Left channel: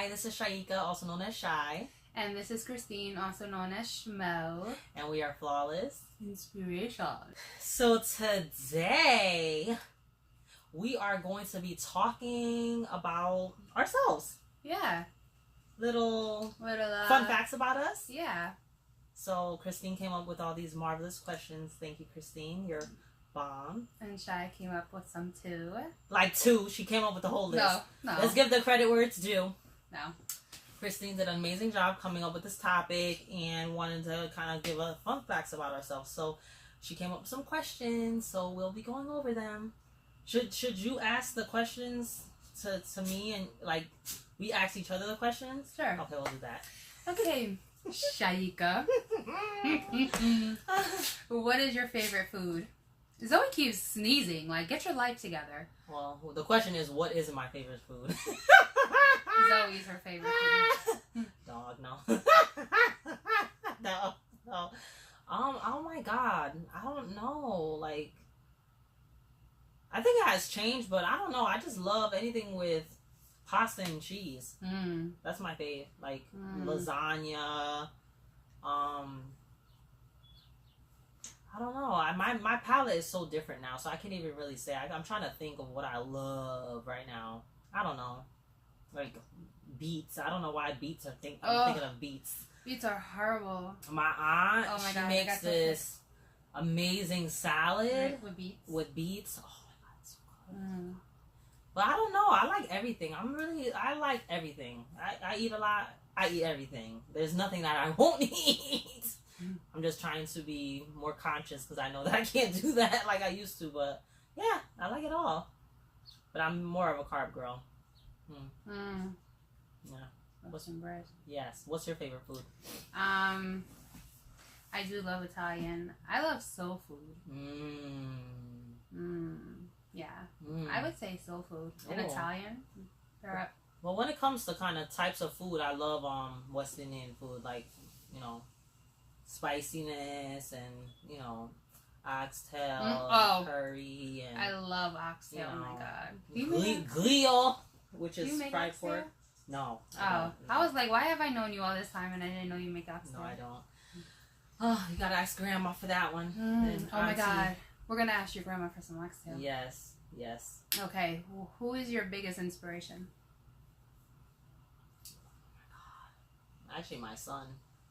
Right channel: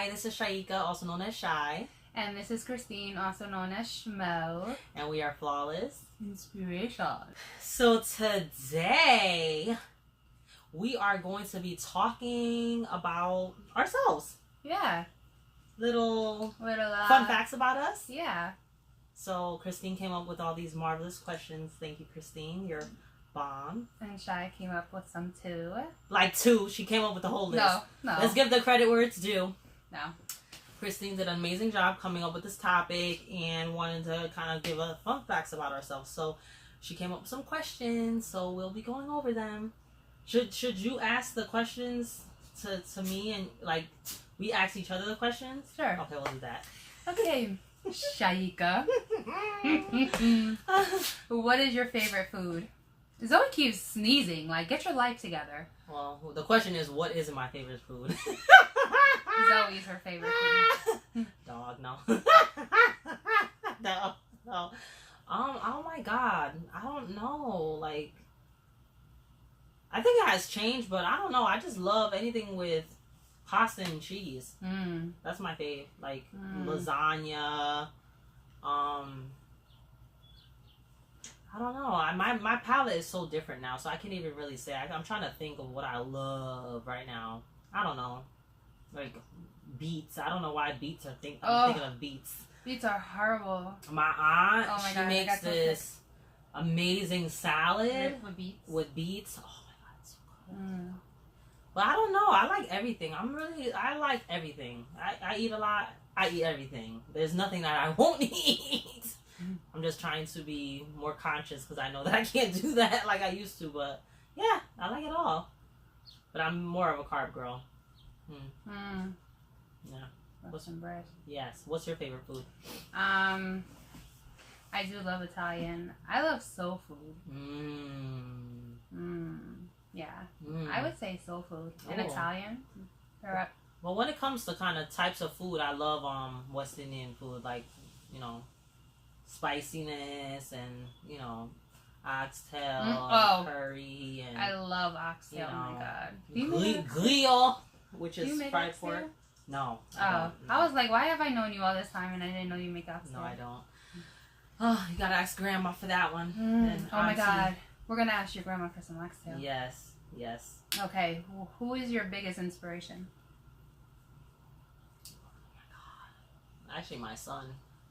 Hi, this is Shaika, also known as Shy. And this is Christine, also known as Schmo. And we are Flawless Inspiration. So today, we are going to be talking about ourselves. Yeah. Little fun facts about us. Yeah. So Christine came up with all these marvelous questions. Thank you, Christine. You're bomb. And Shy came up with some too. Like two. She came up with the whole list. No. Let's give the credit where it's due. No. Christine did an amazing job coming up with this topic and wanted to kind of give us fun facts about ourselves. So she came up with some questions. So we'll be going over them. Should you ask the questions to me and like we ask each other the questions? Sure. Okay, we'll do that. Okay. Shaika. What is your favorite food? Zoe keeps sneezing. Like, get your life together. Well, the question is, what is my favorite food? Zoe's her favorite food. Dog, no. No. Oh my God. I don't know. Like, I think it has changed, but I don't know. I just love anything with pasta and cheese. That's my fave. Like, lasagna. I don't know. My palate is so different now, so I can't even really say. I'm trying to think of what I love right now. I don't know. Like beets. I don't know why beets are I'm thinking of beets. Beets are horrible. My aunt, she makes this amazing salad with beets. Oh my God, it's so good. But I don't know. I like everything. I like everything. I eat a lot. I eat everything. There's nothing that I won't eat. I'm just trying to be more conscious because I know that I can't do that like I used to. But yeah, I like it all. But I'm more of a carb girl. Yeah. What's some bread? Yes. What's your favorite food? I do love Italian. I love soul food. Yeah. I would say soul food and Italian. Well, when it comes to kind of types of food, I love West Indian food, like, you know, spiciness and, oxtail, curry, and I love oxtail. Oh my God. Glio, which is fried pork. No. I was like, why have I known you all this time and I didn't know you make oxtail? No, I don't. Oh, you gotta ask Grandma for that one. And my God. We're gonna ask your grandma for some oxtail. Yes. Okay. Who is your biggest inspiration? Oh my God. Actually, my son,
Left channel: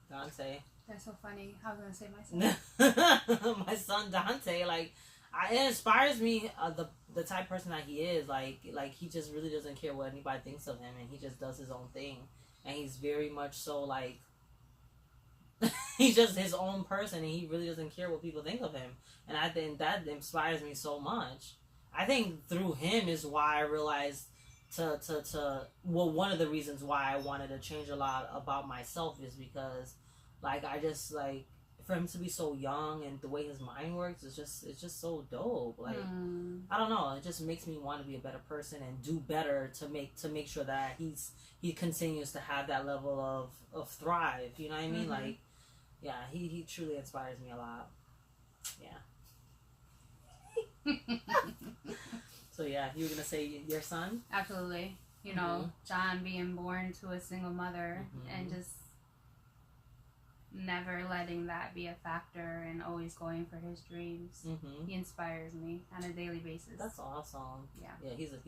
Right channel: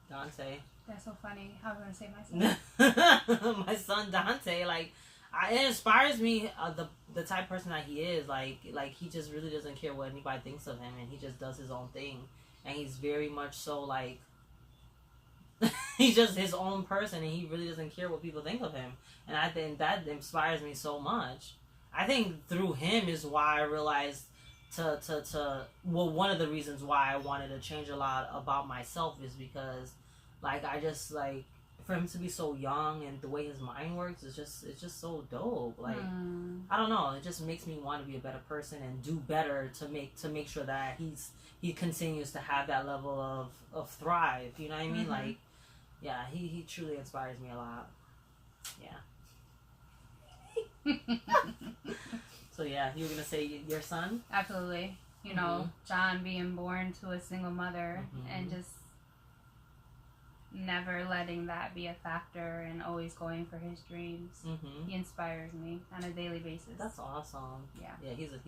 Dante. That's so funny. I was gonna say my son. My son Dante, like, it inspires me. The type of person that he is, like he just really doesn't care what anybody thinks of him, and he just does his own thing, and he's very much so like he's just his own person, and he really doesn't care what people think of him, and I think that inspires me so much. I think through him is why I realized one of the reasons why I wanted to change a lot about myself is because. Like, I just, like, for him to be so young and the way his mind works, it's just so dope. Like, I don't know. It just makes me want to be a better person and do better to make sure that he continues to have that level of thrive. You know what I mean? Like, yeah, he truly inspires me a lot. Yeah. So, yeah, you were going to say your son? Absolutely. You know, John being born to a single mother and just never letting that be a factor and always going for his dreams. He inspires me on a daily basis. That's awesome. Yeah, he's a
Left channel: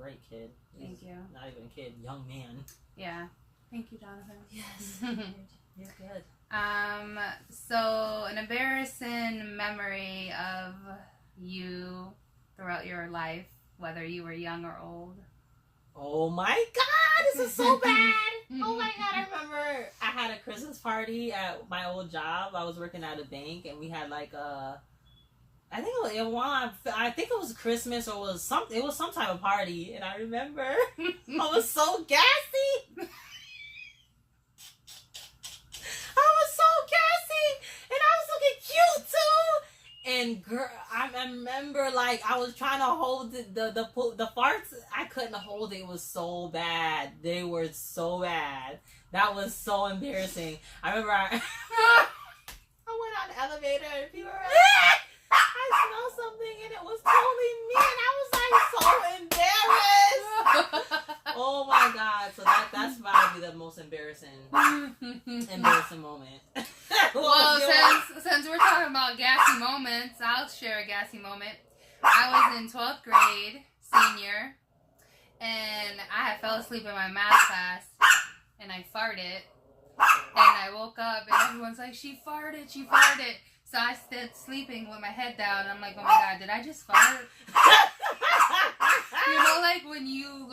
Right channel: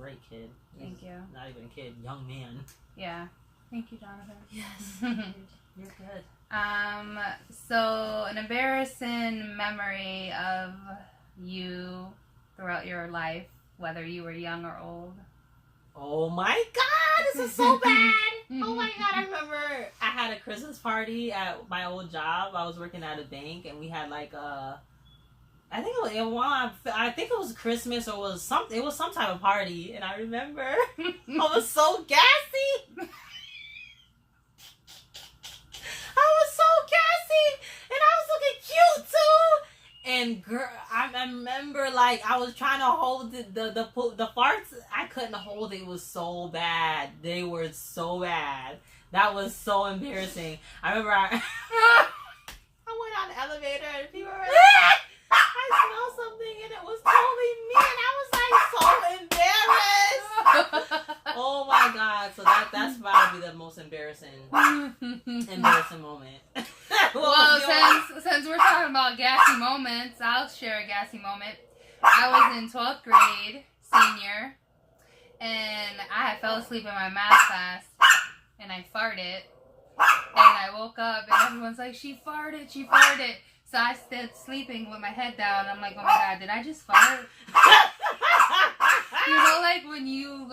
great kid. Thank you. Not even a kid, young man. Yeah. Thank you, Jonathan. Yes. You're good. So an embarrassing memory of you throughout your life, whether you were young or old. Oh my God, this is so bad. Oh my God, I remember I had a Christmas party at my old job. I was working at a bank, and we had like I think it was Christmas or it was some type of party, and I remember I was so gassy. And I was looking cute too. And girl, I remember like I was trying to hold the farts. I couldn't hold it. It was so bad. They were so bad. That was so embarrassing. I remember I went on the elevator and people were like, I smelled something and it was totally me. And I was like so embarrassed. Oh my God! So that's probably the most embarrassing moment. Well, since we're talking about gassy moments, I'll share a gassy moment. I was in 12th grade, senior, and I fell asleep in my math class, and I farted, and I woke up, and everyone's like, she farted. So I stood sleeping with my head down. I'm like, oh my God, did I just fart? You know, like when you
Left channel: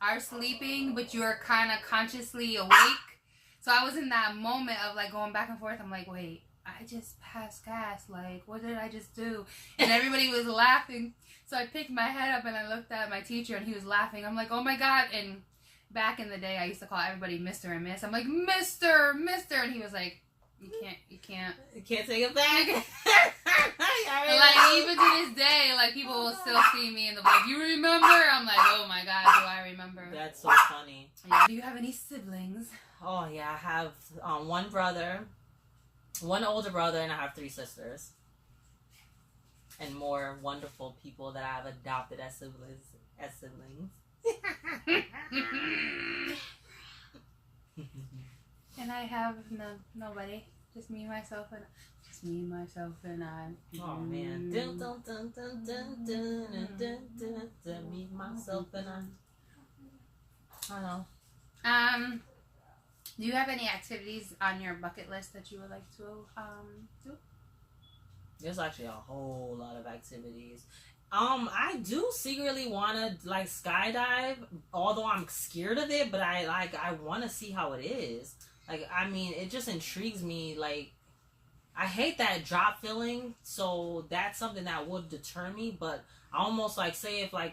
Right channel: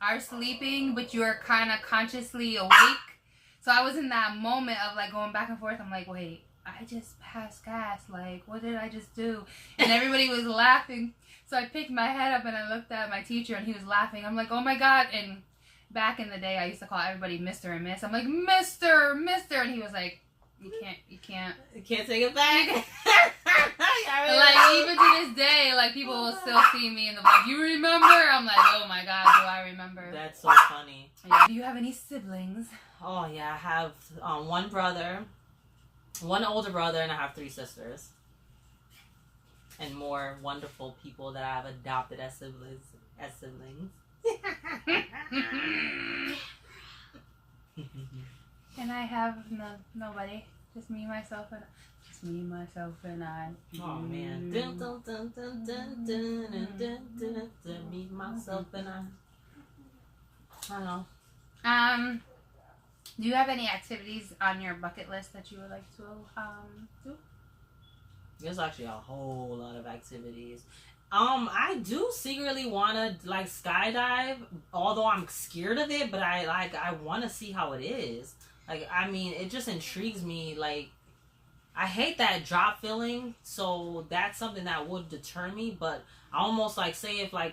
are sleeping, but you're kind of consciously awake. So I was in that moment of going back and forth. I'm like, wait, I just passed gas. Like, what did I just do? And everybody was laughing. So I picked my head up and I looked at my teacher and he was laughing. I'm like, oh my God. And back in the day, I used to call everybody Mr. and Miss. I'm like, Mr. And he was like, you can't take it back. Even to this day, people will still see me and they're like, you remember? I'm like, oh my God, do I remember? That's so funny. Yeah. Do you have any siblings? Oh yeah, I have one brother, one older brother, and I have 3 sisters. And more wonderful people that I've adopted as siblings. And I have nobody. Just me, myself, and I. Oh man. Dun, dun, dun, dun, dun, dun, dun, dun, dun, me, myself, and I. I know. Do you have any activities on your bucket list that you would like to do? There's actually a whole lot of activities. I do secretly want to skydive, although I'm scared of it, but I want to see how it is. It just intrigues me. I hate that drop feeling, so that's something that would deter me, but I almost say if I'm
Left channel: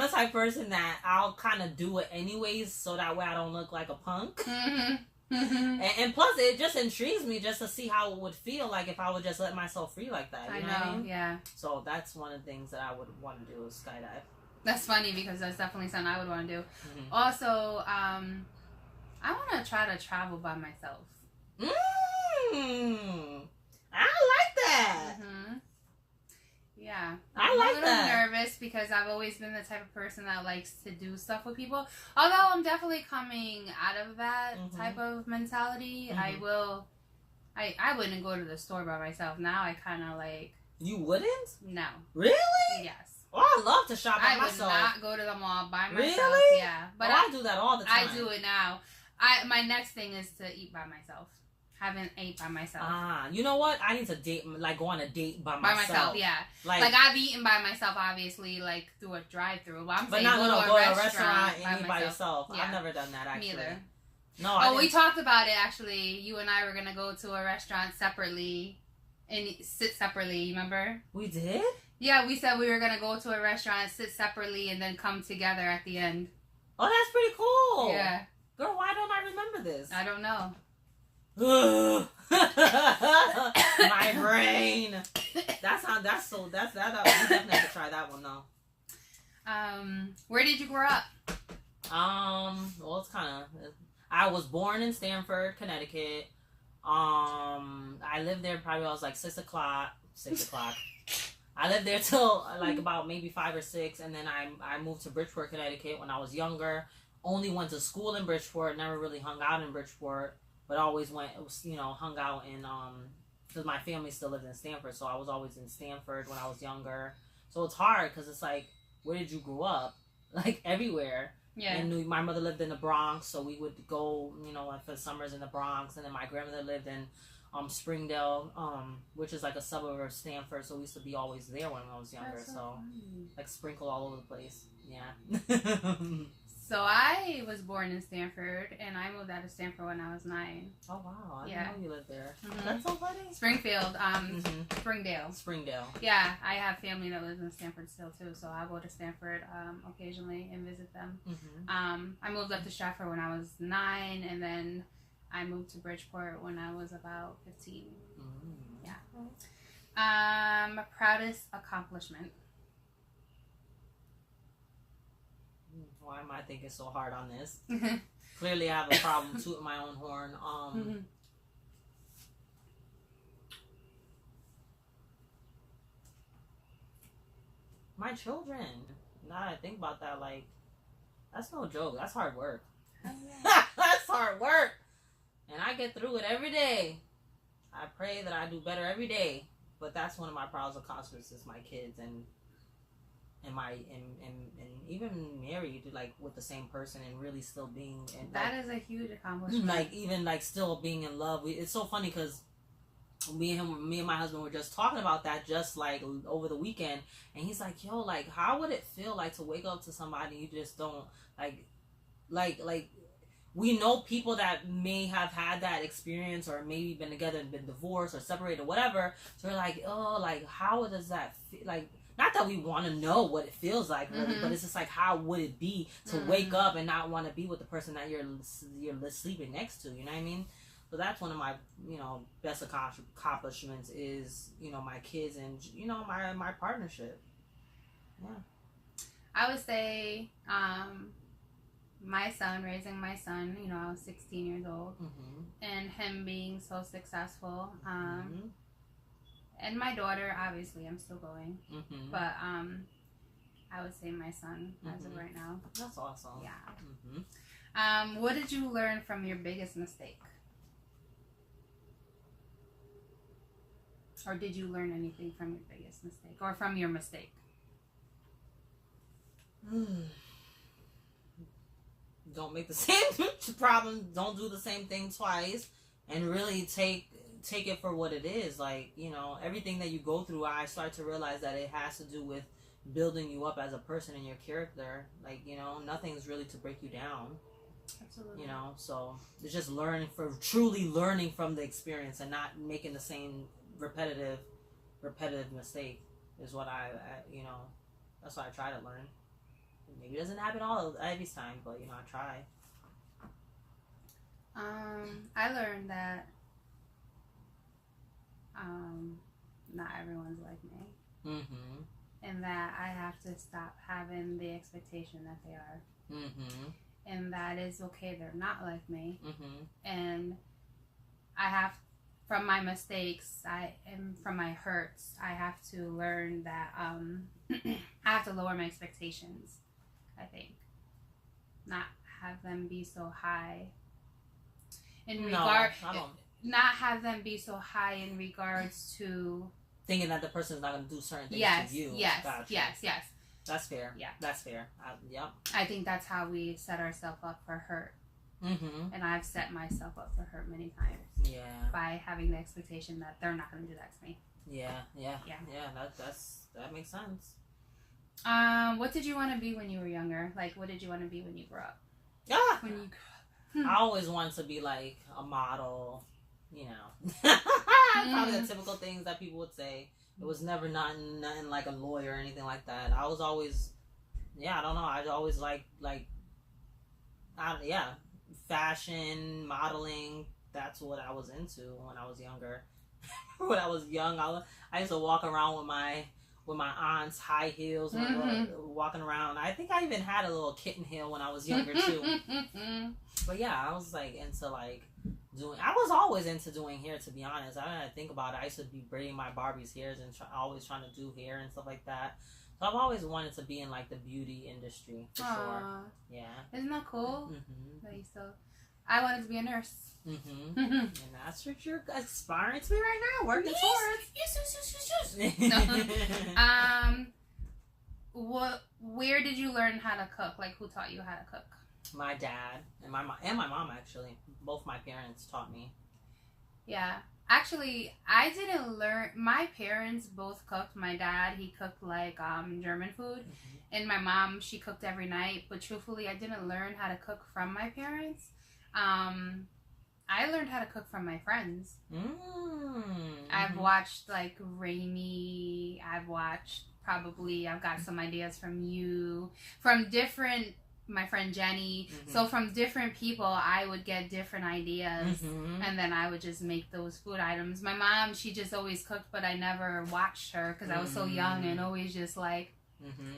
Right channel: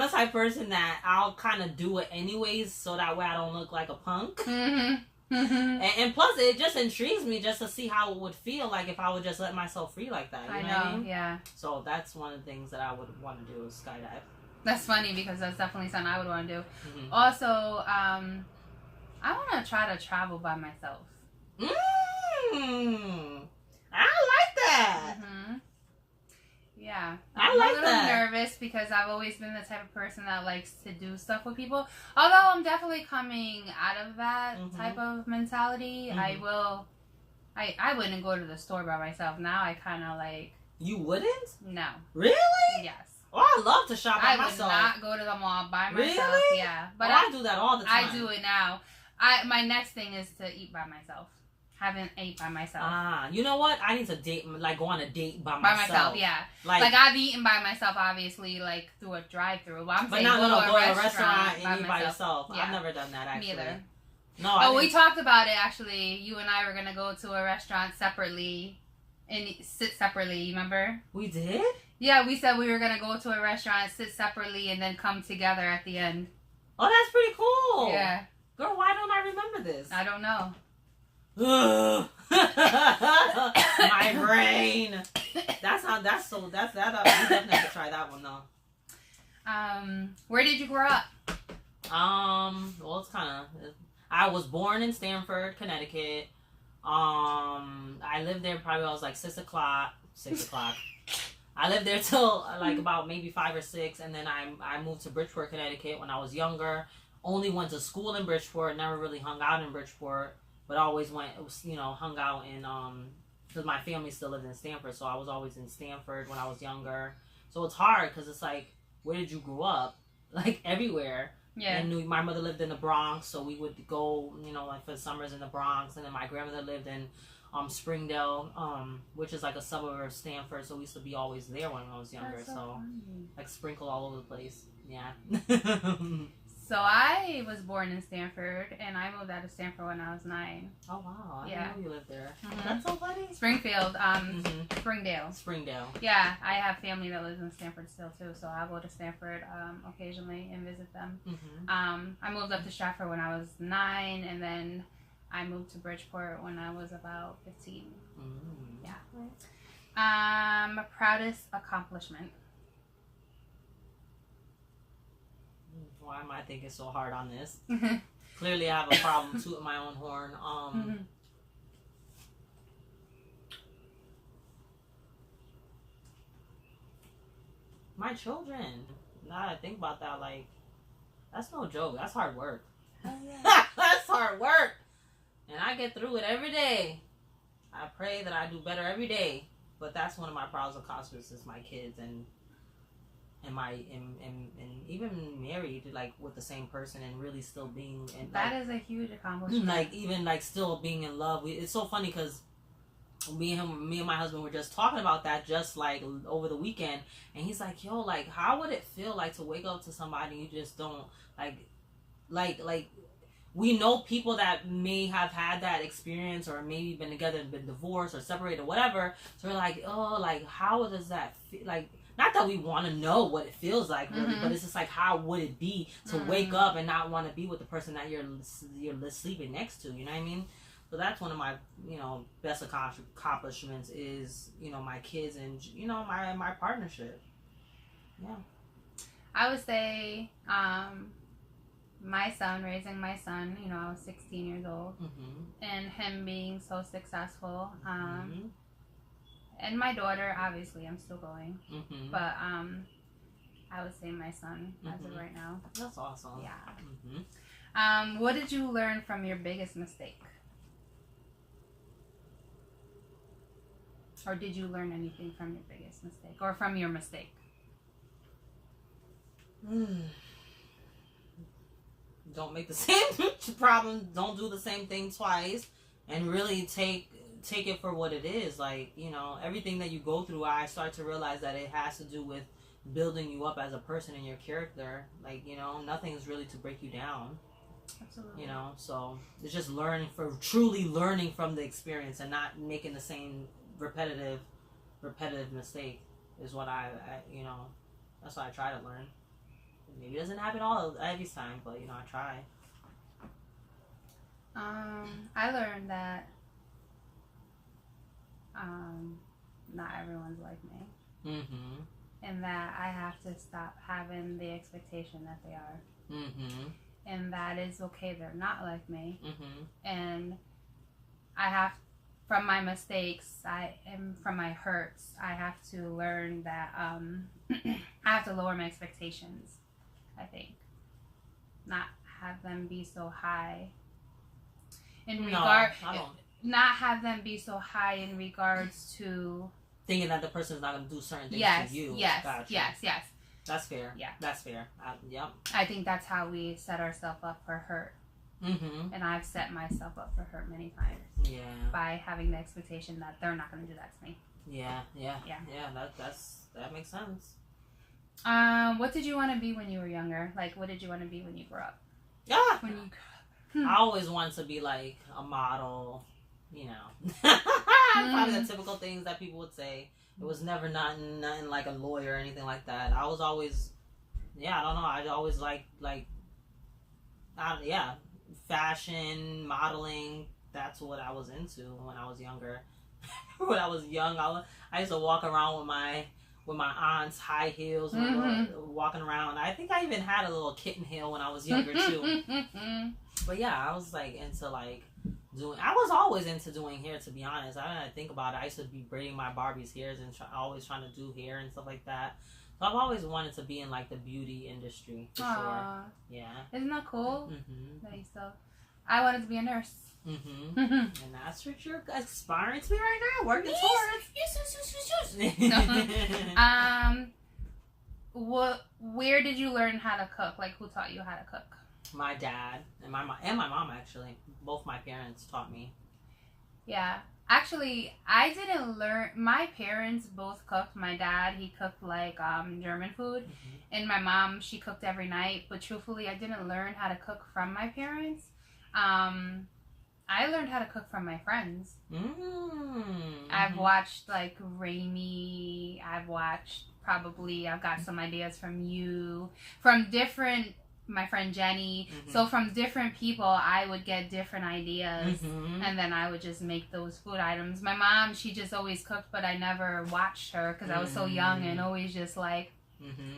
the type of person that I'll kind of do it anyways, so that way I don't look like a punk. Mm-hmm. And plus, it just intrigues me just to see how it would feel if I would just let myself free like that. You know what I mean? Yeah. So that's one of the things that I would want to do is skydive. That's funny because that's definitely something I would want to do. Mm-hmm. Also, I want to try to travel by myself. I like that. Mm-hmm. Yeah. I like that. I'm a little nervous because I've always been the type of person that likes to do stuff with people. Although I'm definitely coming out of that type of mentality. Mm-hmm. I wouldn't go to the store by myself. Now I kind of You wouldn't? No. Really? Yes. Oh, I love to shop by myself. I would not go to the mall by myself. Really? Yeah. But I do that all the time. I do it now. My next thing is to eat by myself. Haven't ate by myself. You know what? I need to date, go on a date by myself. By myself, yeah. I've eaten by myself, obviously, through a drive-through. But I'm saying go to a restaurant and eat by yourself. Yeah. I've never done that, actually. Neither. No. We talked about it, actually. You and I were gonna go to a restaurant separately and sit separately. You remember? We did? Yeah, we said we were gonna go to a restaurant, sit separately, and then come together at the end. Oh, that's pretty cool. Yeah. Girl, why don't I remember this? I don't know. My brain. That's that. We definitely have to try that one though. Where did you grow up? Well, it's I was born in Stamford, Connecticut. I lived there probably when I was 6 o'clock. I lived there till about maybe 5 or 6, and then I moved to Bridgeport, Connecticut when I was younger. Only went to school in Bridgeport, never really hung out in Bridgeport, but always hung out in, because my family still lived in Stamford, so I was always in Stamford when I was younger. So it's hard, because it's where did you grow up? Everywhere. Yeah. And my mother lived in the Bronx, so we would go, for the summers in the Bronx, and then my grandmother lived in Springdale, which is a suburb of Stamford, so we used to be always there when I was younger. So sprinkled all over the place. Yeah. So I was born in Stamford, and I moved out of Stamford when I was 9. Oh wow! I didn't know you lived there. Mm-hmm. That's so funny. Springfield, Springdale. Yeah, I have family that lives in Stamford still too, so I go to Stamford occasionally and visit them. Mm-hmm. I moved up to Stratford when I was 9, and then I moved to Bridgeport when I was about 15. Mm. Yeah. Proudest accomplishment. Why am I thinking so hard on this? Clearly, I have a problem tooting my own horn. My children. now that I think about that, like, that's no joke. That's hard work. Oh, yeah. That's hard work. And I get through it every day. I pray that I do better every day. But that's one of my proudest accomplishments is my kids and even married, like, with the same person and really still being. And that is a huge accomplishment. Like, even, like, still being in love. It's so funny because me and my husband were just talking about that just, like, over the weekend. And he's like, yo, like, how would it feel, like, to wake up to somebody you just don't, like, we know people that may have had that experience or maybe been together and been divorced or separated or whatever. So we're like, oh, like, how does that feel? Like, not that we want to know what it feels like, really, but it's just like, how would it be to wake up and not want to be with the person that you're sleeping next to? You know what I mean? So that's one of my, best accomplishments is, my kids and, my partnership. Yeah. I would say, raising my son, I was 16 years old, and him being so successful, and my daughter, obviously, I'm still going, but I would say my son as of right now. That's awesome. Yeah. What did you learn from your biggest mistake? Or did you learn anything from your biggest mistake or from your mistake? Don't make the same problem. Don't do the same thing twice, and really take it for what it is. Like, everything that you go through, I start to realize that it has to do with building you up as a person and your character. Like, nothing's really to break you down. Absolutely. So it's just truly learning from the experience and not making the same repetitive mistake is what I that's what I try to learn. Maybe it doesn't happen every time, but I try. I learned that not everyone's like me, and that I have to stop having the expectation that they are, and that is okay. They're not like me, and I have, from my mistakes, and from my hurts, I have to learn that I have to lower my expectations. I think not have them be so high not have them be so high in regards to thinking that the person is not going to do certain things to you. Yes. That's fair. Yeah, that's fair. Yep. I think that's how we set ourselves up for hurt. And I've set myself up for hurt many times. Yeah. By having the expectation that they're not going to do that to me. Yeah. That makes sense. What did you want to be when you were younger? Like, what did you want to be when you grew up? Yeah. When you I always wanted to be like a model, Probably the typical things that people would say. It was never nothing like a lawyer or anything like that. I was always, I don't know. I always fashion, modeling. That's what I was into when I was younger. When I was young, I used to walk around with my aunt's high heels, walking around. I think I even had a little kitten heel when I was younger too. But yeah, I was like into like doing. I was always into doing hair, to be honest. I didn't think about it. I used to be braiding my Barbie's hairs and always trying to do hair and stuff like that. So I've always wanted to be in like the beauty industry for sure. Yeah, isn't that cool? I wanted to be a nurse. And that's what you're aspiring to be right now, working towards. Yes. Where did you learn how to cook? Like, who taught you how to cook? My dad and my mom, actually. Both my parents taught me. Yeah. Actually, I didn't learn. My parents both cooked. My dad, he cooked like German food. And my mom, she cooked every night. But truthfully, I didn't learn how to cook from my parents. I learned how to cook from my friends. I've watched like Raimi. I've got some ideas from you, from different, my friend Jenny. So from different people, I would get different ideas, and then I would just make those food items. My mom, she just always cooked, but I never watched her because I was so young and always just like,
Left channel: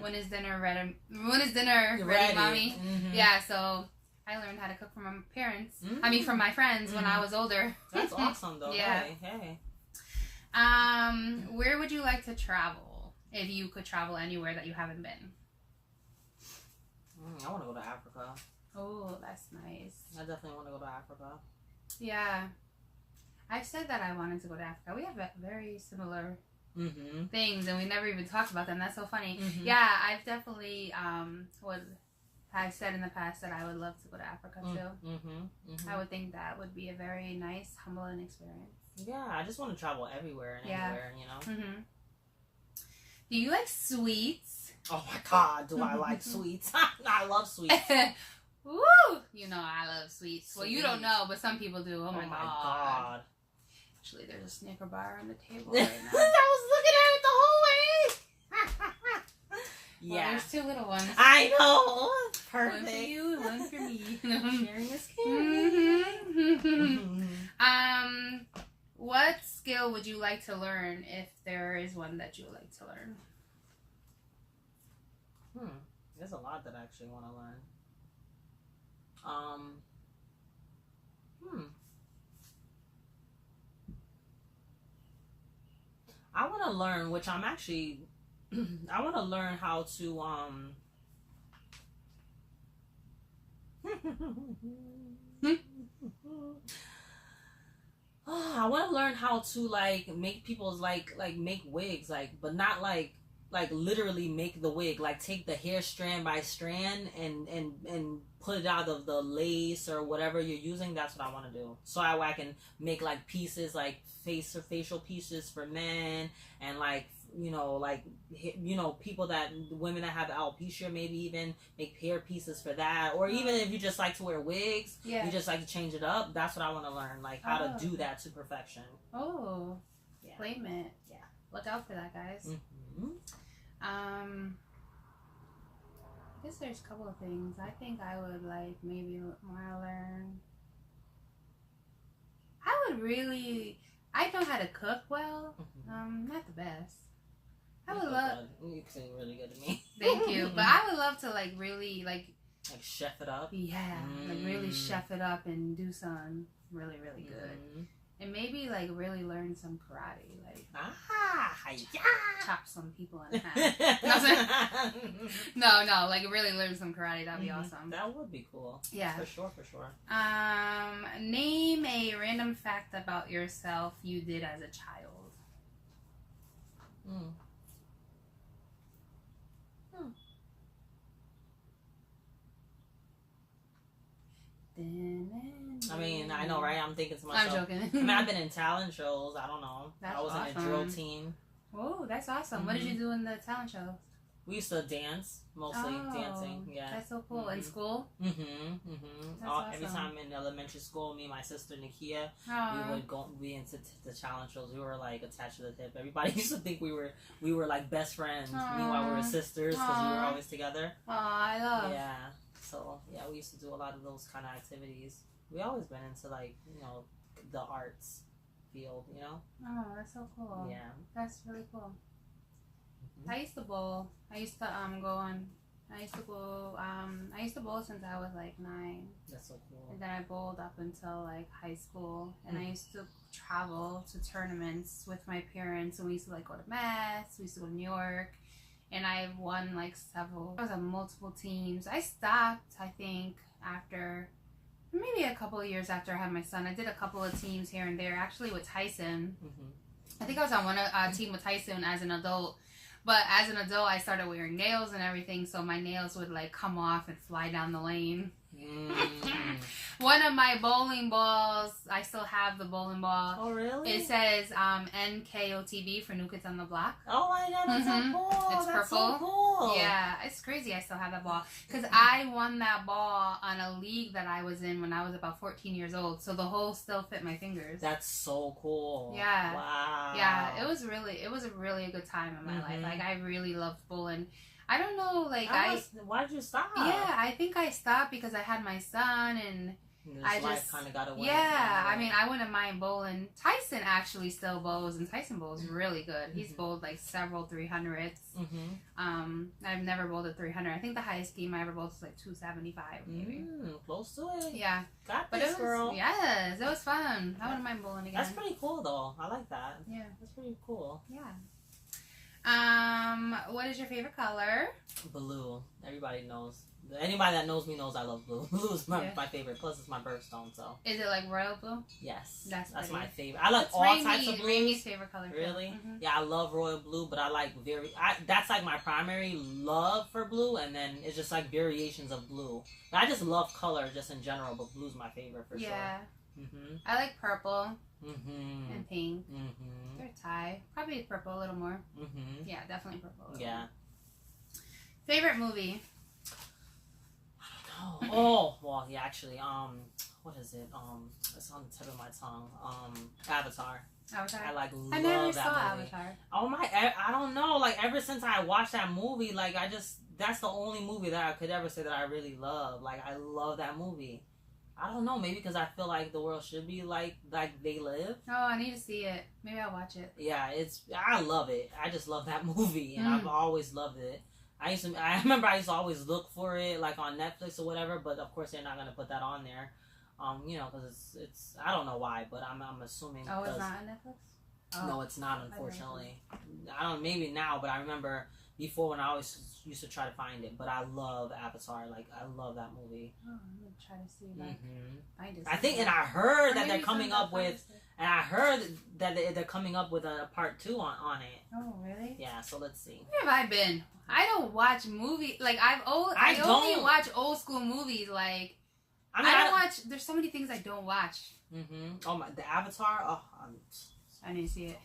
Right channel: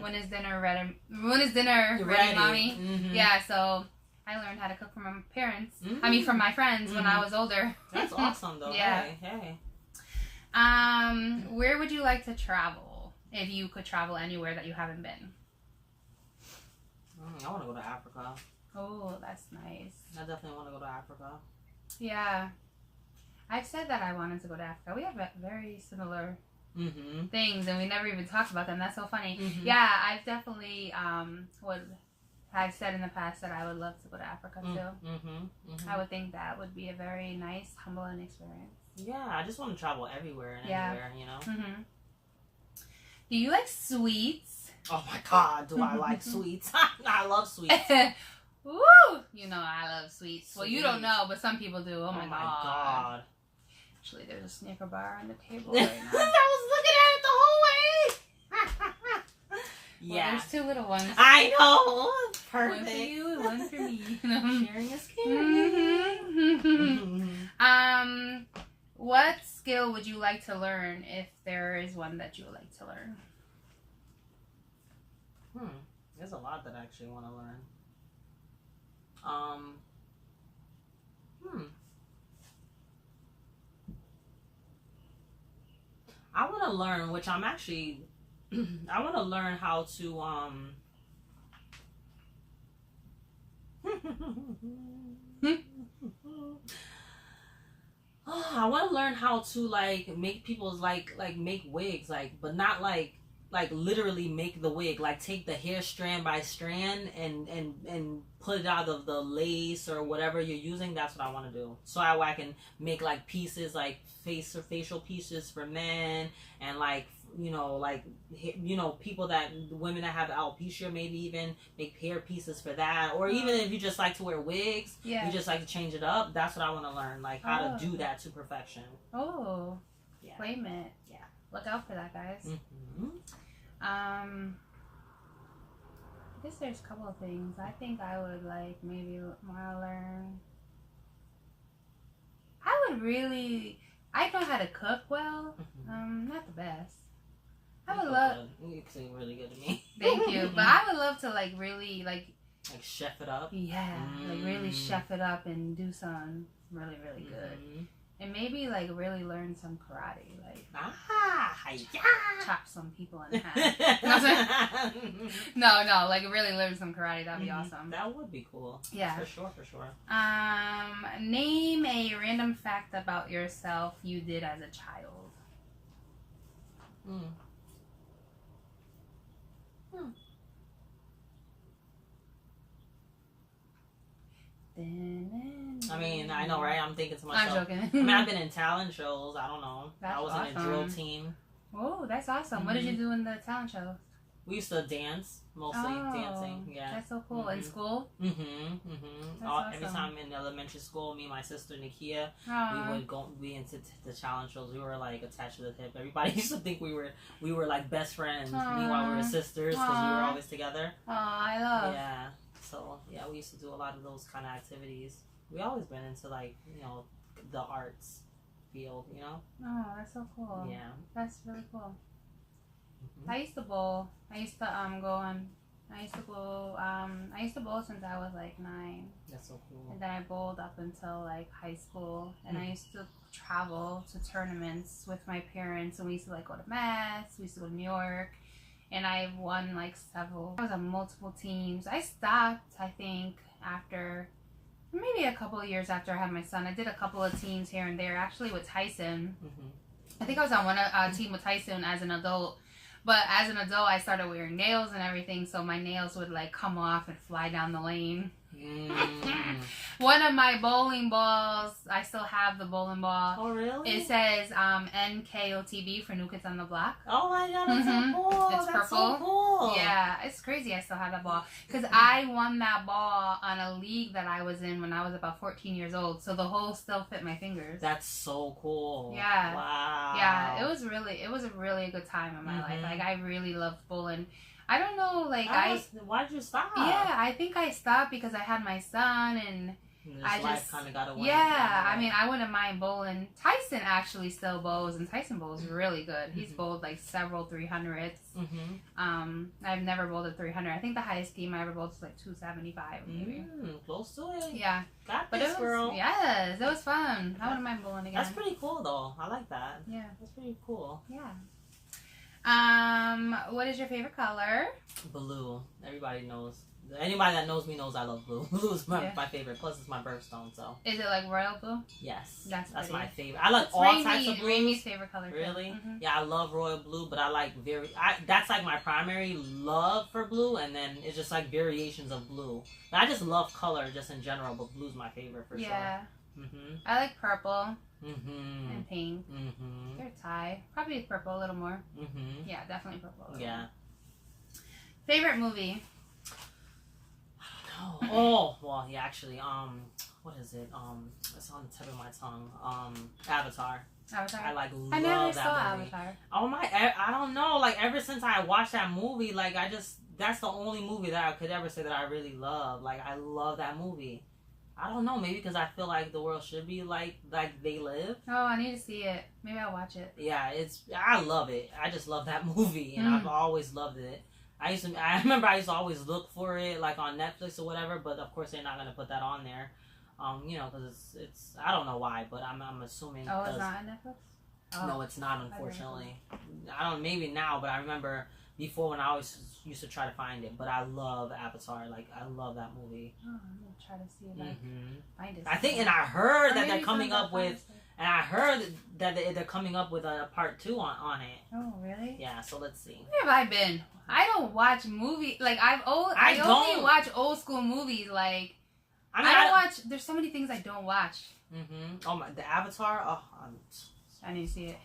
when is dinner ready? When is dinner ready, mommy? Yeah, so I learned how to cook from my parents. I mean, from my friends when I was older. That's awesome, though. Yeah. Hey. Where would you like to travel if you could travel anywhere that you haven't been? I want to go to Africa. Oh, that's nice. I definitely want to go to Africa. Yeah. I've said that I wanted to go to Africa. We have very similar things, and we never even talked about them. That's so funny. Yeah, I've definitely I've said in the past that I would love to go to Africa too. I would think that would be a very nice, humbling experience. Yeah, I just want to travel everywhere and anywhere, you know? Do you like sweets? Oh my God, do I like sweets? I love sweets. Woo! You know I love sweets. Well, you don't know, but some people do. Oh my God. Actually, there's a Snicker bar on the table right now. I was looking at it the whole way. Yeah. Well, there's two little ones. I know. Perfect. One for you and one for me. Sharing is caring. What skill would you like to learn if there is one that you would like to learn? There's a lot that I actually want to learn. I want to learn, which I'm actually, I want to learn how to, I want to learn how to like make people's like make wigs, like, but not like literally make the wig, like take the hair strand by strand and put it out of the lace or whatever you're using. That's what I want to do, so I can make like pieces, like facial pieces for men, and like, you know, people that, women that have alopecia, maybe even make hair pieces for that, or even if you just like to wear wigs, you just like to change it up. That's what I want to learn, like how to do that to perfection. Yeah. Claim it. Yeah. Look out for that, guys. I guess there's a couple of things. I think I would like maybe want to learn. I know how to cook well. Not the best. I would love. You sing really good to me. Thank you, but I would love to like really like chef it up. Yeah, like really chef it up and do something really good. And maybe like really learn some karate, like chop some people in half. No, like really learn some karate. That'd be awesome. That would be cool. Yeah, for sure. Name a random fact about yourself you did as a child. I mean, I know, right? I'm thinking to myself. I'm joking. I mean, I've been in talent shows. I don't know. I was in a drill team. Oh, that's awesome. What did you do in the talent shows? We used to dance, mostly dancing. Yeah, that's so cool. In school. Awesome. Every time in elementary school, me and my sister Nikia, we would go. We into the talent shows. We were like attached to the hip. Everybody used to think we were like best friends. Meanwhile, we were sisters because we were always together. Oh, I love. Yeah. So yeah, we used to do a lot of those kind of activities. We always been into like, you know, the arts field, you know. Oh, that's so cool. Yeah, that's really cool. I used to bowl. I used to bowl since I was like 9. That's so cool. And then I bowled up until like high school, and I used to travel to tournaments with my parents, and we used to like go to Mass. We used to go to New York. And I've won like several. I was on multiple teams. I stopped, I think, after maybe a couple of years after I had my son. I did a couple of teams here and there, actually with Tyson. I think I was on one team with Tyson as an adult. But as an adult, I started wearing nails and everything, so my nails would like come off and fly down the lane. One of my bowling balls, I still have the bowling ball. Oh, really? It says NKOTB for New Kids on the Block. Oh my God, that's so cool. It's that's purple. So cool. Yeah, it's crazy I still have that ball. Because I won that ball on a league that I was in when I was about 14 years old. So the hole still fit my fingers. That's so cool. Yeah. Wow. Yeah, it was a really good time in my life. Like, I really loved bowling. I don't know, like, why did you stop? Yeah, I think I stopped because I had my son, and life kind of got away. Yeah, I mean, I wouldn't mind bowling. Tyson actually still bows, and Tyson bowls really good. He's bowled like several 300s. I've never bowled a 300. I think the highest game I ever bowled was like 275, maybe. Close to it. Yeah. Got this, girl. Yes, it was fun. I wouldn't mind bowling again. That's pretty cool, though. I like that. Yeah. That's pretty cool. Yeah. What is your favorite color? Blue. Everybody knows Anybody that knows me knows I love blue. Blue is my favorite. Plus, it's my birthstone. So. Is it like royal blue? Yes. That's my favorite. I like all types of blues. Rainey's favorite color. Really? Mm-hmm. Yeah, I love royal blue, but I like that's like my primary love for blue, and then it's just like variations of blue. I just love color just in general, but blue's my favorite for sure. Yeah. I like purple. And pink. They're a tie. Probably purple a little more. Yeah, definitely purple. Yeah. Favorite movie? Oh, well, yeah, actually, what is it? It's on the tip of my tongue. Avatar. Avatar. I love I never that saw movie. Avatar. Oh my, I don't know. Like ever since I watched that movie, like that's the only movie that I could ever say that I really love. Like I love that movie. I don't know, maybe because I feel like the world should be like they live. Oh, I need to see it. Maybe I'll watch it. Yeah, I love it. I just love that movie, and I've always loved it. I remember I used to always look for it like on Netflix or whatever, but of course they're not gonna put that on there, because it's I don't know why, but I'm assuming. Oh, it's not on Netflix. Oh. No, it's not, unfortunately. I don't maybe now, but I remember before when I always used to try to find it. But I love Avatar. Like I love that movie. Oh, I'm gonna try to see if I find it. I think, and I heard that they're coming up with. And I heard that they're coming up with a part 2 on it. Oh, really? Yeah, so let's see. Where have I been? I don't watch movies. Like, I only watch old school movies. Like, I don't watch. There's so many things I don't watch. Oh, the Avatar? Oh, I need to see it.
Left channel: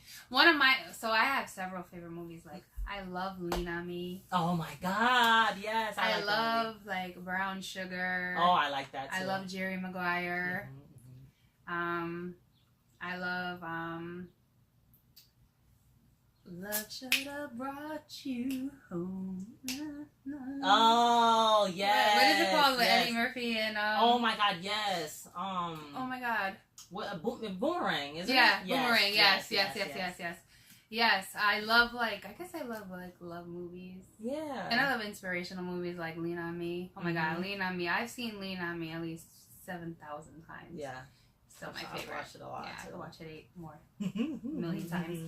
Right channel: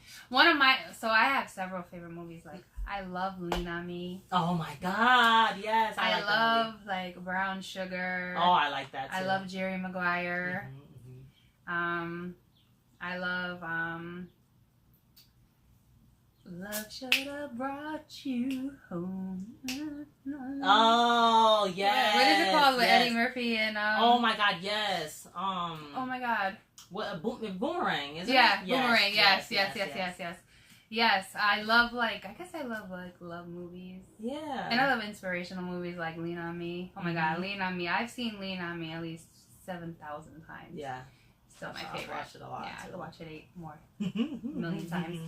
So I have several favorite movies. Like, I love Lean On Me. Oh my God, yes. I love, like, Brown Sugar. Oh, I like that too. I love Jerry Maguire. I love, Love Should Have Brought You Home. Oh, yes. What is it called with Eddie Murphy and, oh my God, yes. Oh my God. What, Boomerang, isn't it? Yeah, Boomerang, yes. Yes, I love, I guess I love, love movies. Yeah. And I love inspirational movies like Lean On Me. Oh my God, Lean On Me. I've seen Lean On Me at least 7,000 times. Yeah. Still my favorite. I watched it a lot. Yeah, I could watch it 8 more. million times.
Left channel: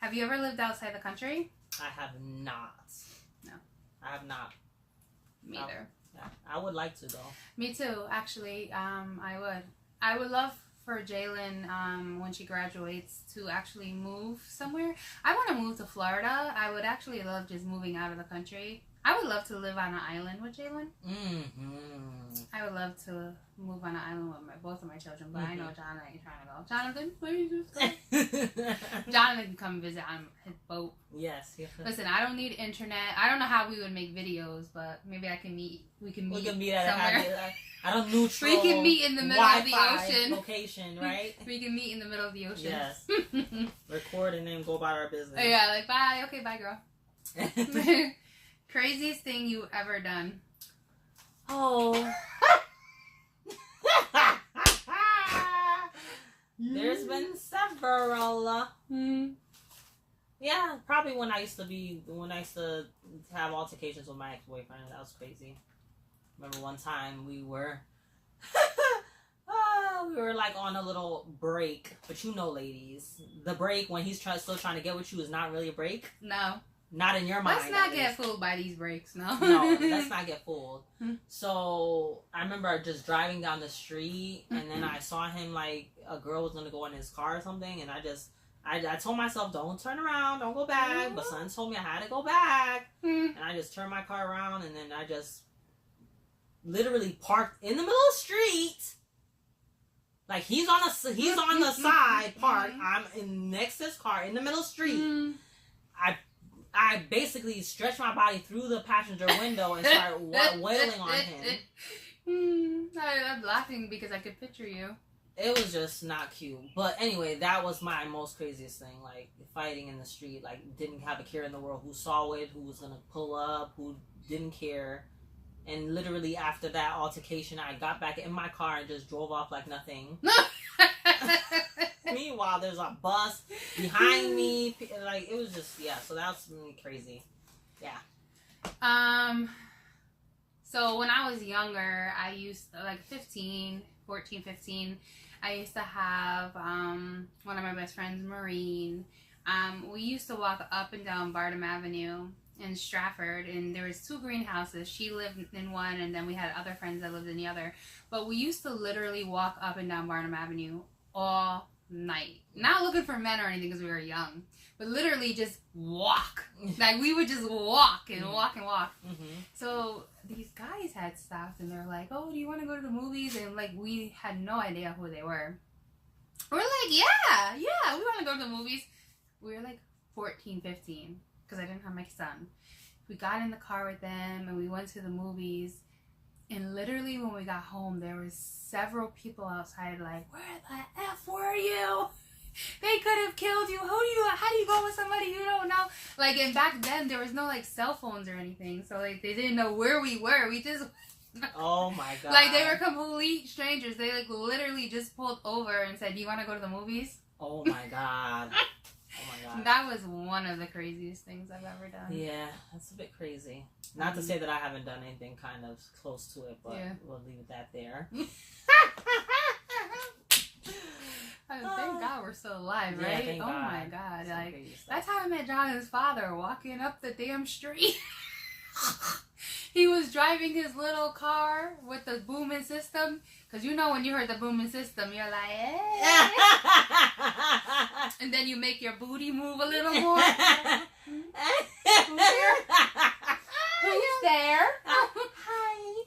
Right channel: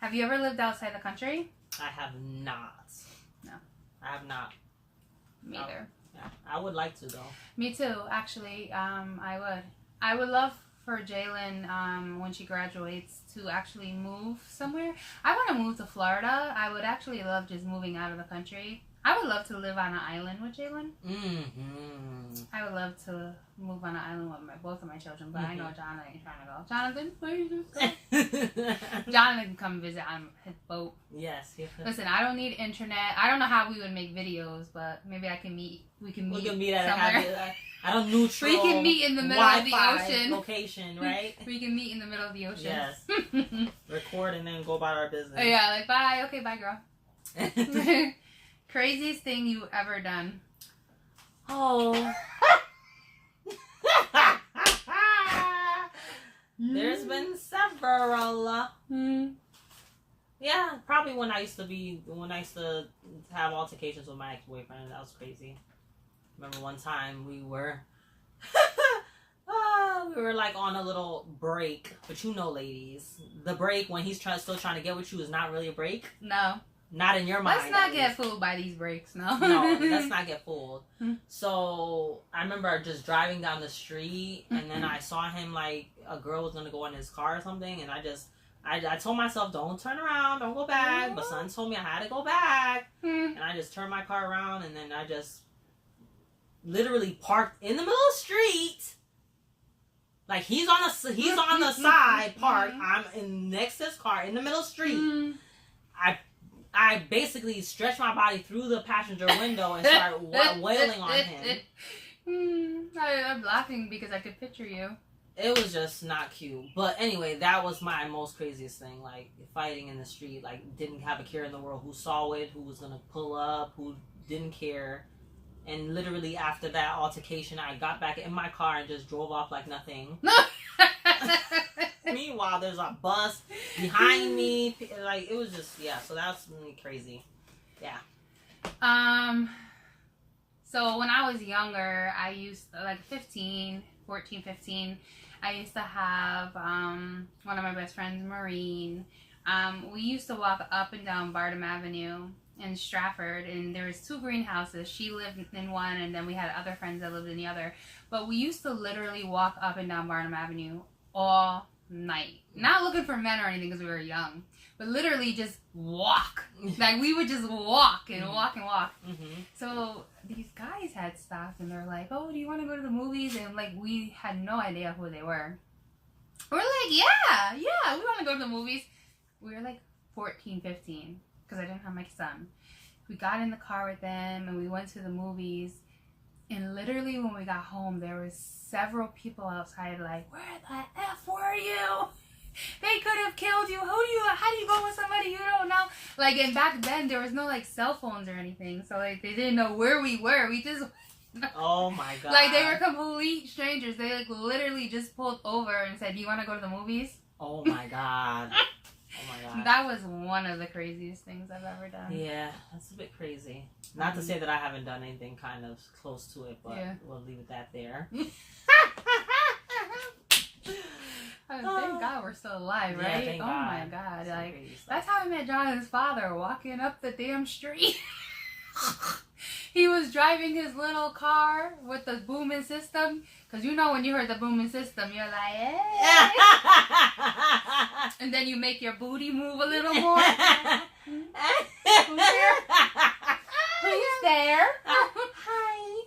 Have you ever lived outside the country? I have not. No. I have not. Me either. Yeah. I would like to, though. Me too, actually. I would. I would love for Jalen, when she graduates, to actually move somewhere. I want to move to Florida. I would actually love just moving out of the country. I would love to live on an island with Jalen. I would love to move on an island with both of my children, but I know John ain't trying to go. Jonathan, please just go. Jonathan can come visit on his boat. Yes. Listen, I don't need internet. I don't know how we would make videos, but maybe we can meet at somewhere. I don't neutral. We can meet in the middle of the ocean. Location, right? We can meet in the middle of the ocean. Yes. Record and then go about our business. Yeah, like bye. Okay, bye, girl. Craziest thing you ever done? Oh. There's been several. Yeah, probably when I used to have altercations with my ex-boyfriend. That was crazy. Remember one time we were like on a little break, but ladies, the break when he's still trying to get with you is not really a break. No. Not in your mind. Let's not get fooled by these breaks, no. No, let's not get fooled. So I remember just driving down the street, and then I saw him like a girl was gonna go in his car or something, and I told myself, don't turn around, don't go back. But son told me I had to go back, and I just turned my car around, and then I just literally parked in the middle of the street. Like he's on the side parked. I'm next to his car in the middle of the street. I basically stretched my body through the passenger window and started wailing on him. I'm laughing because I could picture you. It was just not cute. But anyway, that was my most craziest thing. Like, fighting in the street. Like, didn't have a care in the world who saw it, who was going to pull up, who didn't care. And literally after that altercation, I got back in my car and just drove off like nothing. Meanwhile, there's a bus behind me. Like, it was just, yeah. So that was really crazy. Yeah. So when I was younger, I used, 14, 15, I used to have, one of my best friends, Maureen. We used to walk up and down Bardem Avenue, in Stratford, and there was 2 greenhouses. She lived in one, and then we had other friends that lived in the other. But we used to literally walk up and down Barnum Avenue all night. Not looking for men or anything because we were young, but literally just walk. Like, we would just walk and walk and walk. So these guys had stopped, and they're like, oh, do you want to go to the movies? And, like, we had no idea who they were. We're like, yeah, we want to go to the movies. We were like 14, 15, because I didn't have my son. We got in the car with them, and we went to the movies. And literally when we got home, there was several people outside like, where the F were you? They could have killed you. How do you go with somebody you don't know? Like, and back then, there was no, like, cell phones or anything. So, like, they didn't know where we were. We just... Oh, my God. Like, they were complete strangers. They, like, literally just pulled over and said, do you want to go to the movies? Oh, my God. Oh, my God. That was one of the craziest things I've ever done. Yeah, that's a bit crazy. Not to say that I haven't done anything kind of close to it, but we'll leave it that there. Thank God we're still alive, right? Thank God. My God. Some Like, that's how I met Jonathan's father, walking up the damn street. He was driving his little car with the booming system. Because you know when you heard the booming system, you're like, hey. And then you make your booty move a little more. Who's there? Who's there? Hi.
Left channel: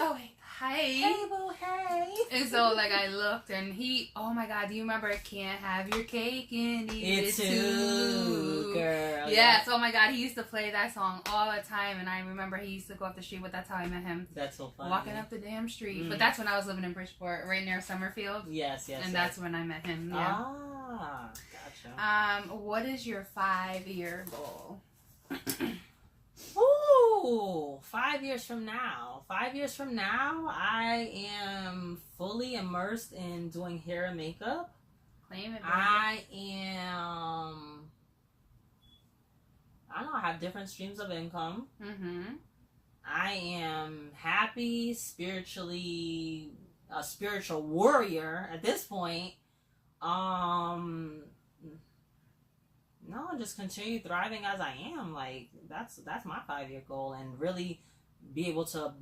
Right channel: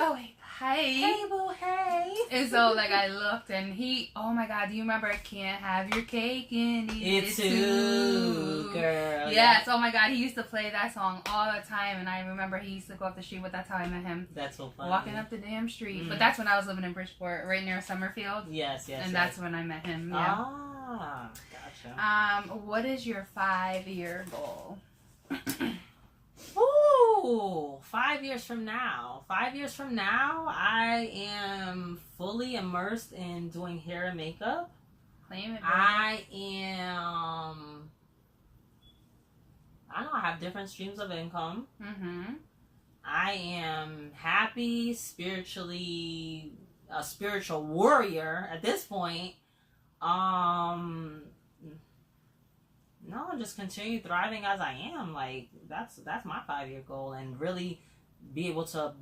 Oh, wait. Hi. Hey, boo, hey. And so, like, I looked, and he, oh my God, do you remember Can't Have Your Cake and Eat It Too? Girl. Yes, oh my God, he used to play that song all the time, and I remember he used to go up the street, but that's how I met him. That's so funny. Walking up the damn street. But that's when I was living in Bridgeport, right near Summerfield. Yes. And that's when I met him, yeah. Ah, gotcha. What is your 5-year goal? Ooh, 5 years from now. 5 years from now, I am fully immersed in doing hair and makeup. Claim it, baby. I don't know, I have different streams of income. I am happy, spiritually, a spiritual warrior at this point. No, just continue thriving as I am. Like, that's my 5-year goal, and really be able to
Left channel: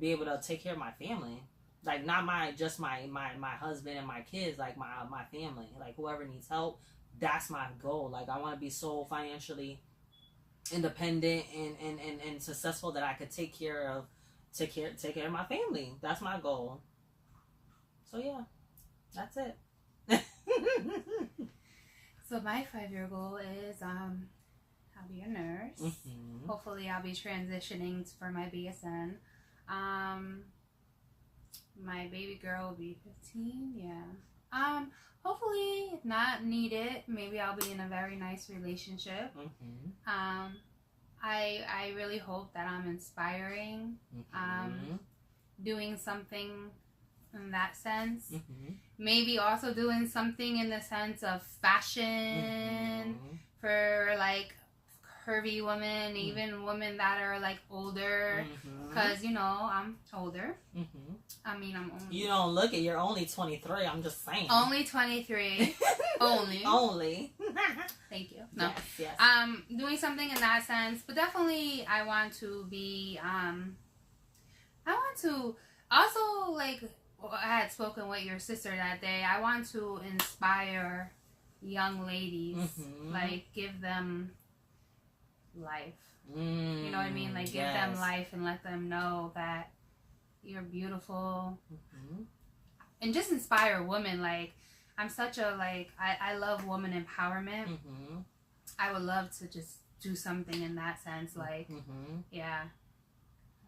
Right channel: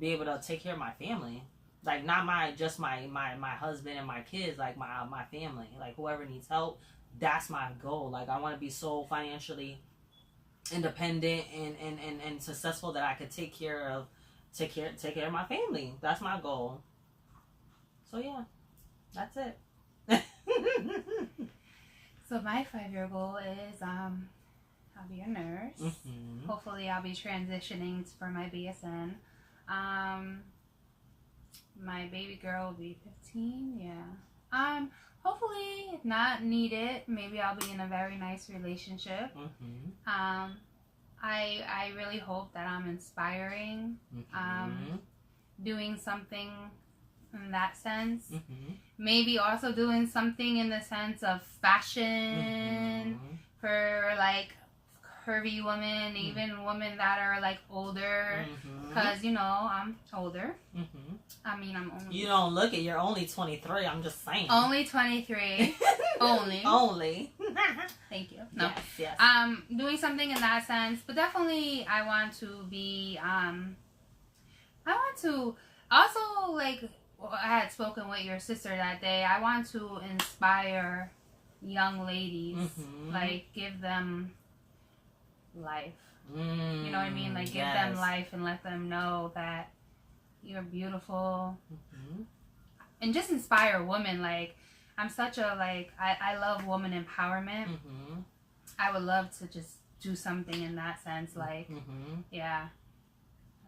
take care of my family. Like, not my husband and my kids, like my family. Like, whoever needs help, that's my goal. Like, I want to be so financially independent and successful that I could take care of my family. That's my goal. So yeah, that's it. So my 5-year goal is I'll be a nurse. Hopefully I'll be transitioning for my BSN. My baby girl will be 15. Yeah. Hopefully, if not needed, maybe I'll be in a very nice relationship. I really hope that I'm inspiring. Doing something in that sense. Maybe also doing something in the sense of fashion for, like, curvy women, even women that are, like, older. Because, you know, I'm older. I mean, I'm only... You don't look it. You're only 23. I'm just saying. Only 23. Only. Thank you. No. Yes. Doing something in that sense. But definitely, I want to be... I want to... Also, like... I had spoken with your sister that day. I want to inspire young ladies, like, give them life. You know what I mean? Like, give them life and let them know that you're beautiful. And just inspire women. Like, I'm such a, like, I love woman empowerment. I would love to just do something in that sense. Like, yeah.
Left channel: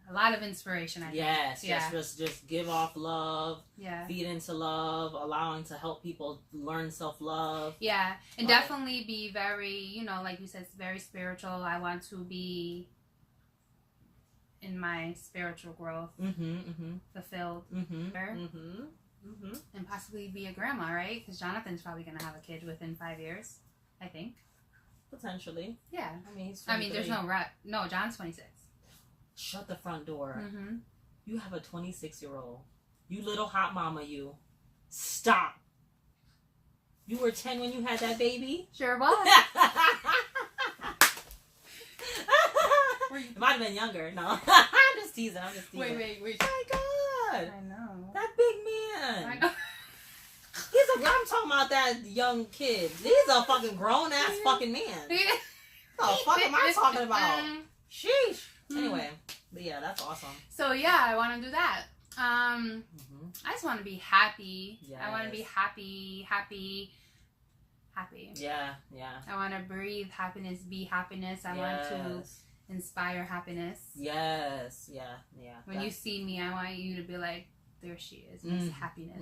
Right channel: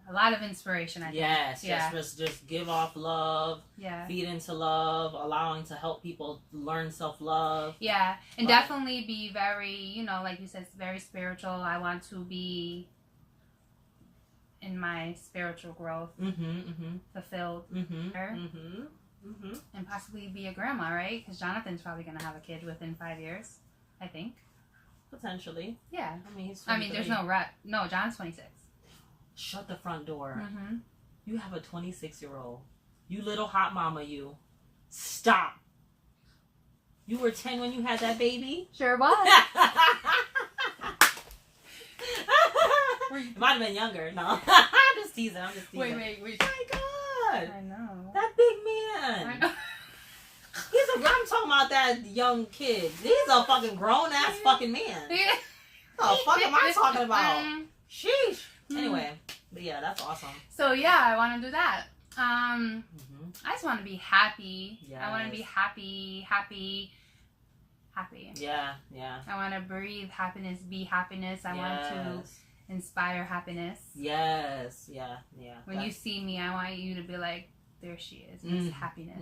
A lot of inspiration, I think. Yes. Just give off love. Yeah. Feed into love. Allowing to help people learn self-love. Yeah. And definitely be very, you know, like you said, it's very spiritual. I want to be in my spiritual growth. Fulfilled. And possibly be a grandma, right? Because Jonathan's probably going to have a kid within 5 years, I think. Potentially. Yeah. I mean, there's no rep. No, John's 26. Shut the front door. You have a 26-year-old. You little hot mama, you. Stop. You were 10 when you had that baby? Sure was. It might have been younger. No, I'm just teasing. Wait. Oh my God. I know. That big man. I know. I'm talking about that young kid. He's a fucking grown ass fucking man. What the fuck am I talking about? Sheesh. Anyway, but yeah, that's awesome. So yeah, I want to do that. I just want to be happy. Yes. I want to be happy. Yeah. I want to breathe happiness, be happiness. I want to inspire happiness. Yes. Yeah. When you see me, I want you to be like, there she is, Miss Happiness.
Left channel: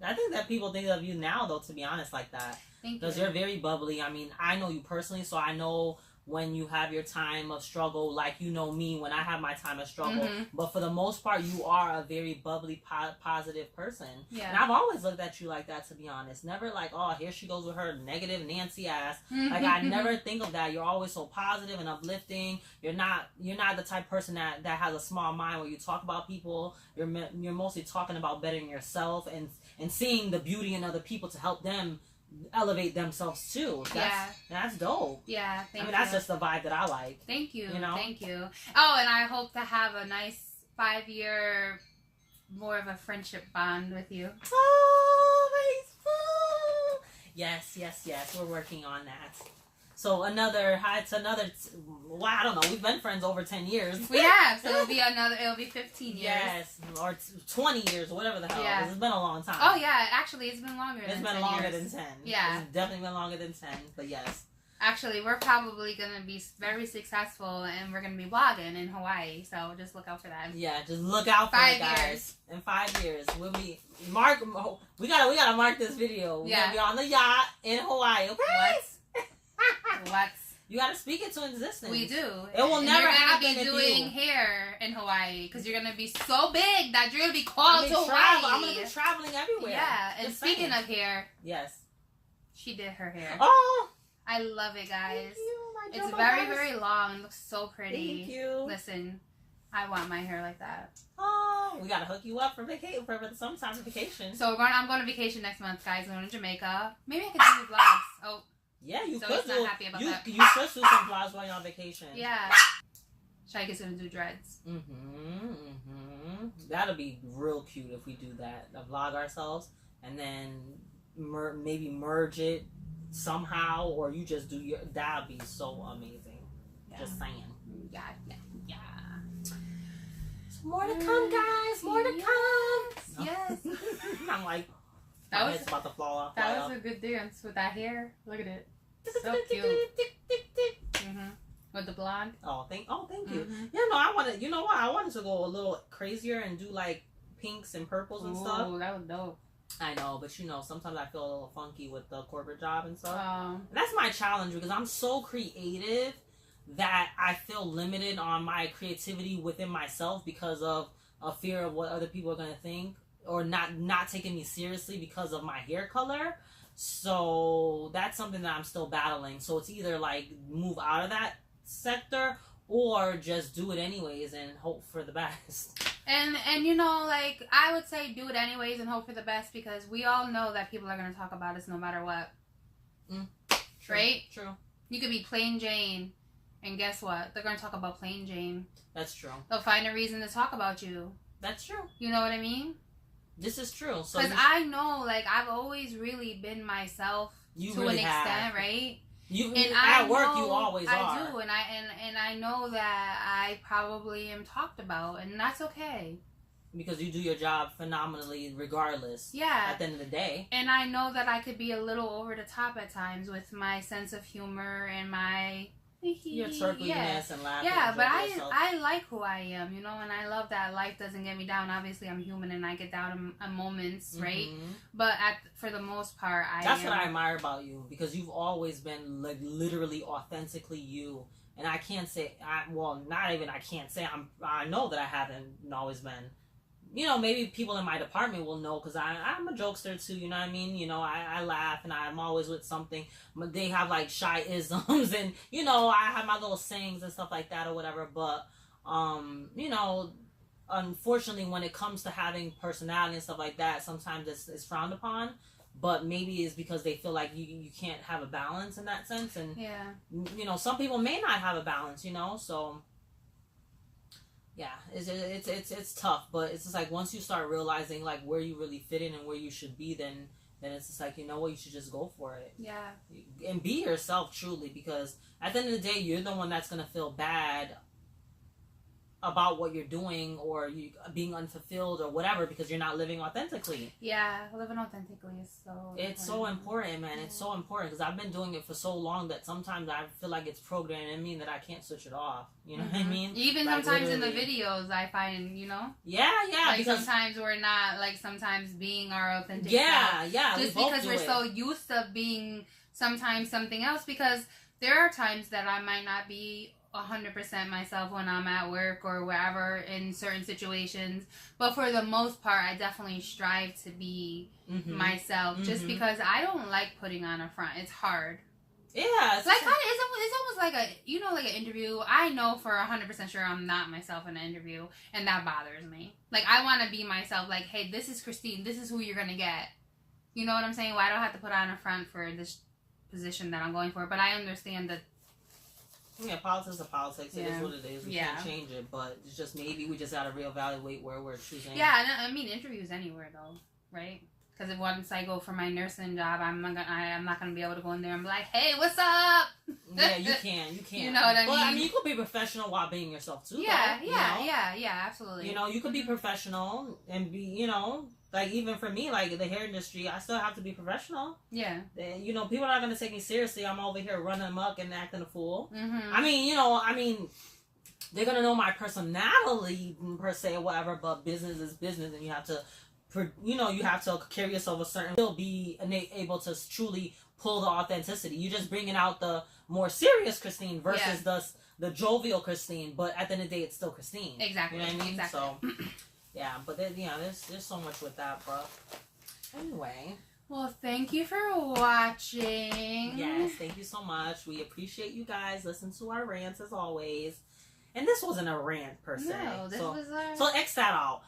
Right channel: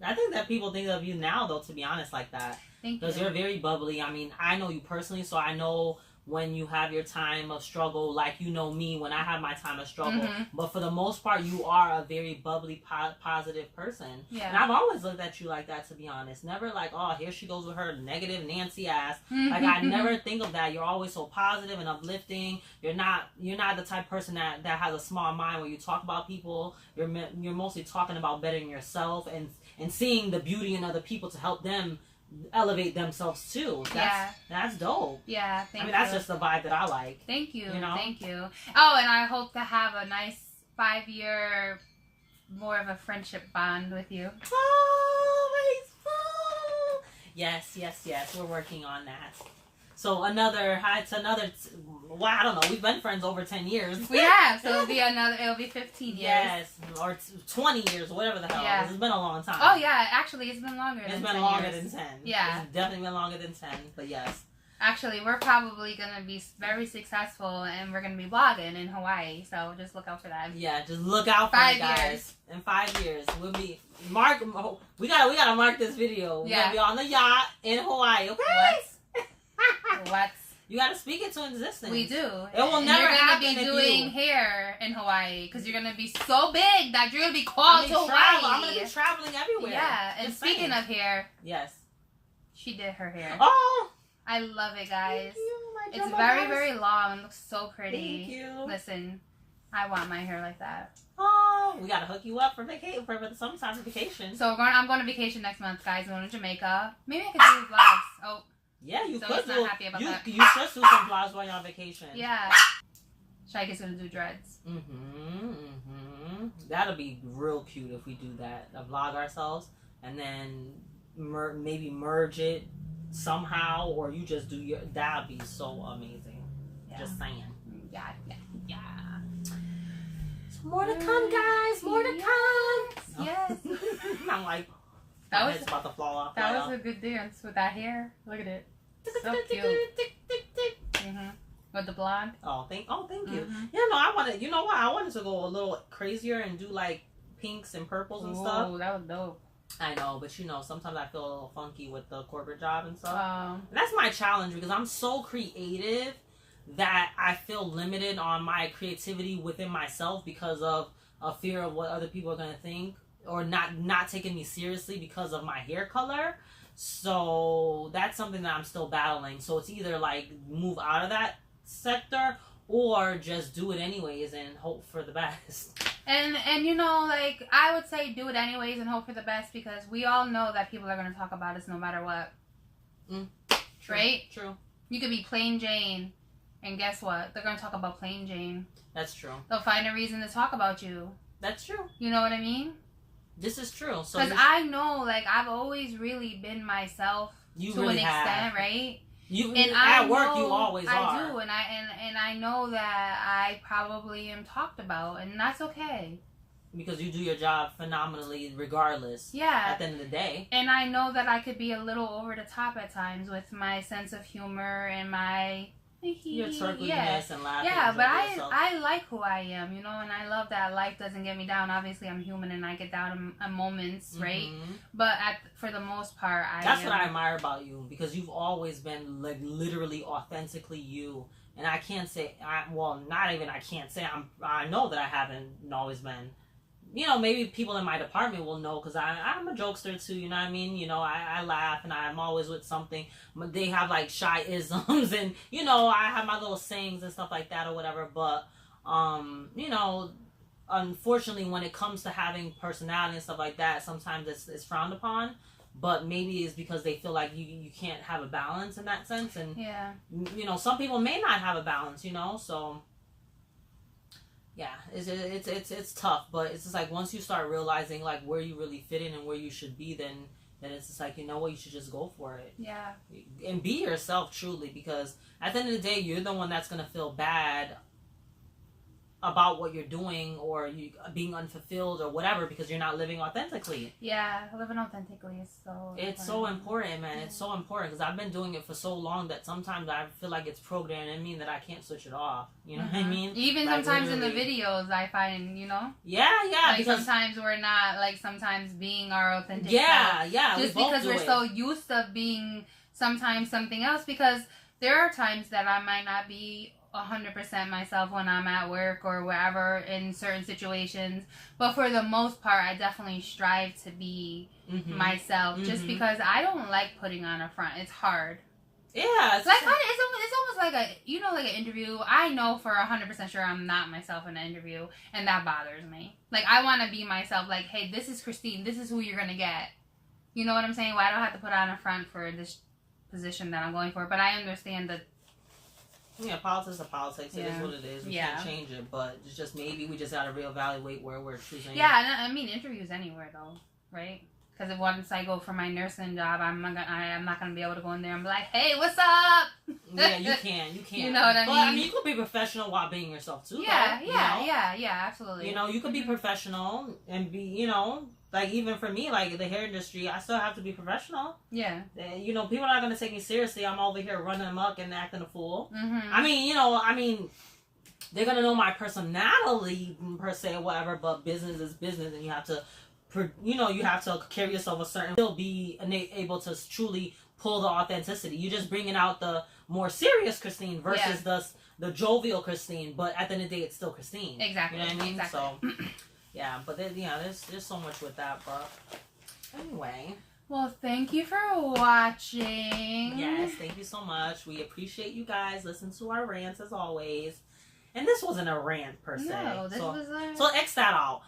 I think that people think of you now, though, to be honest, like that. Thank you. Because you're very bubbly. I mean, I know you personally, so I know when you have your time of struggle, like you know me when I have my time of struggle. But for the most part, you are a very bubbly, positive person. Yeah. And I've always looked at you like that, to be honest. Never like, oh, here she goes with her negative Nancy ass. Like, I never think of that. You're always so positive and uplifting. You're not the type of person that has a small mind when you talk about people. You're mostly talking about bettering yourself and seeing the beauty in other people to help them elevate themselves too. That's dope. Yeah, thank you. That's just the vibe that I like. Thank you. You know? Thank you. Oh, and I hope to have a nice 5-year, more of a friendship bond with you. Oh, yes. We're working on that. So I don't know. We've been friends over 10 years. We have, so it'll be 15 years. Yes, or 20 years, whatever the hell. Yeah. It's been a long time. Oh yeah, actually, it's been longer. It's than been 10 longer years. than 10. Yeah, it's definitely been longer than 10. But yes. Actually, we're probably gonna be very successful, and we're gonna be vlogging in Hawaii. So just look out for that. Yeah, just look out for it, guys. In 5 years, we'll be We gotta mark this video. We're gonna be on the yacht in Hawaii. Okay. Let's. You gotta speak it to existence. We do. It will never happen. You're gonna be doing hair in Hawaii because you're gonna be so big that you're gonna be called to Hawaii. I'm gonna be traveling everywhere. Yeah, and speaking of hair, yes, she did her hair. Oh, I love it, guys. Thank you, it's very, very long and looks so pretty. Thank you. Listen, I want my hair like that. Oh, we gotta hook you up for vacation, for some type of vacation. So I'm going on vacation next month, guys. I'm going to Jamaica. Maybe I could do vlogs. Oh. Yeah, you so could do. Happy about that. You should do some vlogs while you're on vacation. Yeah. Shaika's gonna do dreads. That'll be real cute if we do that. Vlog ourselves and then maybe merge it somehow, or you just do your. That'd be so amazing. Yeah. Just saying. Yeah. So more to come, guys. More to come. Yes. I'm like. That was about to fall off. That was a good dance with that hair. Look at it. So cute. With the blonde. Oh, thank you. Yeah, no, I wanted. You know what? I wanted to go a little crazier and do like pinks and purples and stuff. Oh, that was dope. I know, but sometimes I feel a little funky with the corporate job and stuff. And that's my challenge because I'm so creative that I feel limited on my creativity within myself because of a fear of what other people are gonna think. Or not taking me seriously because of my hair color. So that's something that I'm still battling. So it's either like move out of that sector or just do it anyways and hope for the best. And like I would say do it anyways and hope for the best because we all know that people are going to talk about us no matter what. True, right? True. You could be plain Jane and guess what? They're going to talk about plain Jane. That's true. They'll find a reason to talk about you. That's true. You know what I mean? This is true. Because I know, like, I've always really been myself to really an extent, right? At work, you always are. I do, and I know that I probably am talked about, and that's okay. Because you do your job phenomenally, regardless. Yeah. At the end of the day. And I know that I could be a little over the top at times with my sense of humor and my your turkliness and laughing. Yeah, but I like who I am, and I love that life doesn't get me down. Obviously, I'm human and I get down in moments, right? But for the most part, That's what I admire about you because you've always been like literally authentically you. And I can't say, I know that I haven't always been. Maybe people in my department will know because I'm a jokester too, you know what I mean? I laugh and I'm always with something. They have like shy isms and, I have my little sayings and stuff like that or whatever. But, unfortunately, when it comes to having personality and stuff like that, sometimes it's frowned upon. but maybe it's because they feel like you can't have a balance in that sense. And yeah, you know, some people may not have a balance, you know, so yeah, it's tough. But it's just like once you start realizing like where you really fit in and where you should be, then it's just like, you know what, you should just go for it. Yeah. And be yourself truly, because at the end of the day, you're the one that's going to feel bad about what you're doing or you being unfulfilled or whatever, because you're not living authentically. Yeah, living authentically is so it's so important, man. It's so important, because I've been doing it for so long that sometimes I feel like it's programmed in me that I can't switch it off. You know what I mean? Even like, sometimes literally. In the videos I find, you know, yeah, like because sometimes we're not, like sometimes being our authentic self, just because we're so used to being sometimes something else, because there are times that I might not be 100% myself when I'm at work or wherever in certain situations, but for the most part I definitely strive to be myself, just because I don't like putting on a front. It's hard. Yeah, it's like it's almost like a, you know, like an interview. I know for 100% sure I'm not myself in an interview, and that bothers me. Like, I want to be myself. Like, hey, this is Christine. This is who you're gonna get. You know what I'm saying? Why do I have to put on a front for this position that I'm going for? But I understand that. Yeah, politics are politics. It is what it is. We can't change it, but it's just maybe we just gotta reevaluate where we're choosing. Yeah, I mean, interviews anywhere though, right? Because if once I go for my nursing job, I'm not gonna be able to go in there and be like, "Hey, what's up?" Yeah, you can't. You know what I mean? But I mean, you could be professional while being yourself too. Yeah, though, yeah, absolutely. You know, you could be professional and be, you know, like even for me, like the hair industry, I still have to be professional. Yeah. You know, people are not gonna take me seriously. I'm over here running amok and acting a fool. I mean, you know, they're gonna know my personality per se or whatever, but business is business, and you have to. You know, you have to carry yourself a certain, still be able to truly pull the authenticity. You're just bringing out the more serious Christine versus the jovial Christine, but at the end of the day, it's still Christine. Exactly. You know what I mean? Exactly. So, yeah, but then, there's so much with that, but anyway. Well, thank you for watching. Yes, thank you so much. We appreciate you guys. Listen to our rants as always. And this wasn't a rant per se. No, this was So X that out.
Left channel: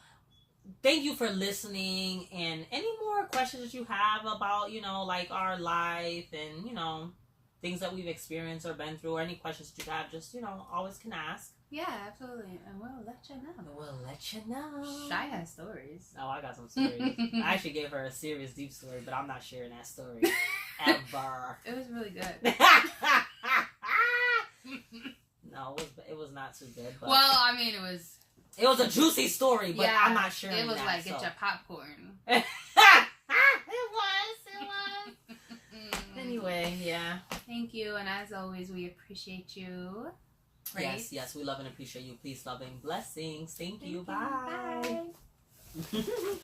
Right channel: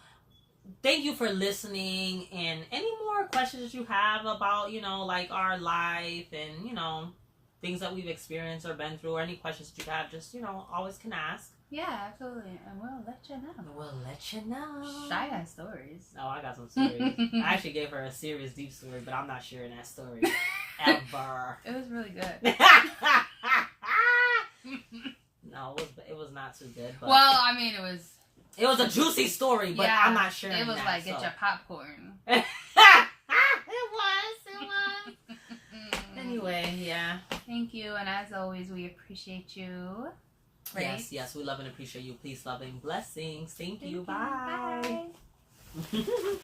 Thank you for listening, and any more questions that you have about, you know, like our life and, you know, things that we've experienced or been through, or any questions that you have, just, you know, always can ask. Yeah, absolutely. And we'll let you know. We'll let you know. Shy has stories. Oh, I got some stories. I actually gave her a serious, deep story, but I'm not sharing that story. Ever. It was really good. No, it was not too good. But well, I mean, it was a juicy story, but I'm not sharing that. It was like, get your popcorn. It was. Anyway, yeah. Thank you, and as always, we appreciate you. Right? Yes, we love and appreciate you. Please, love and blessings. Thank you. Bye. Bye.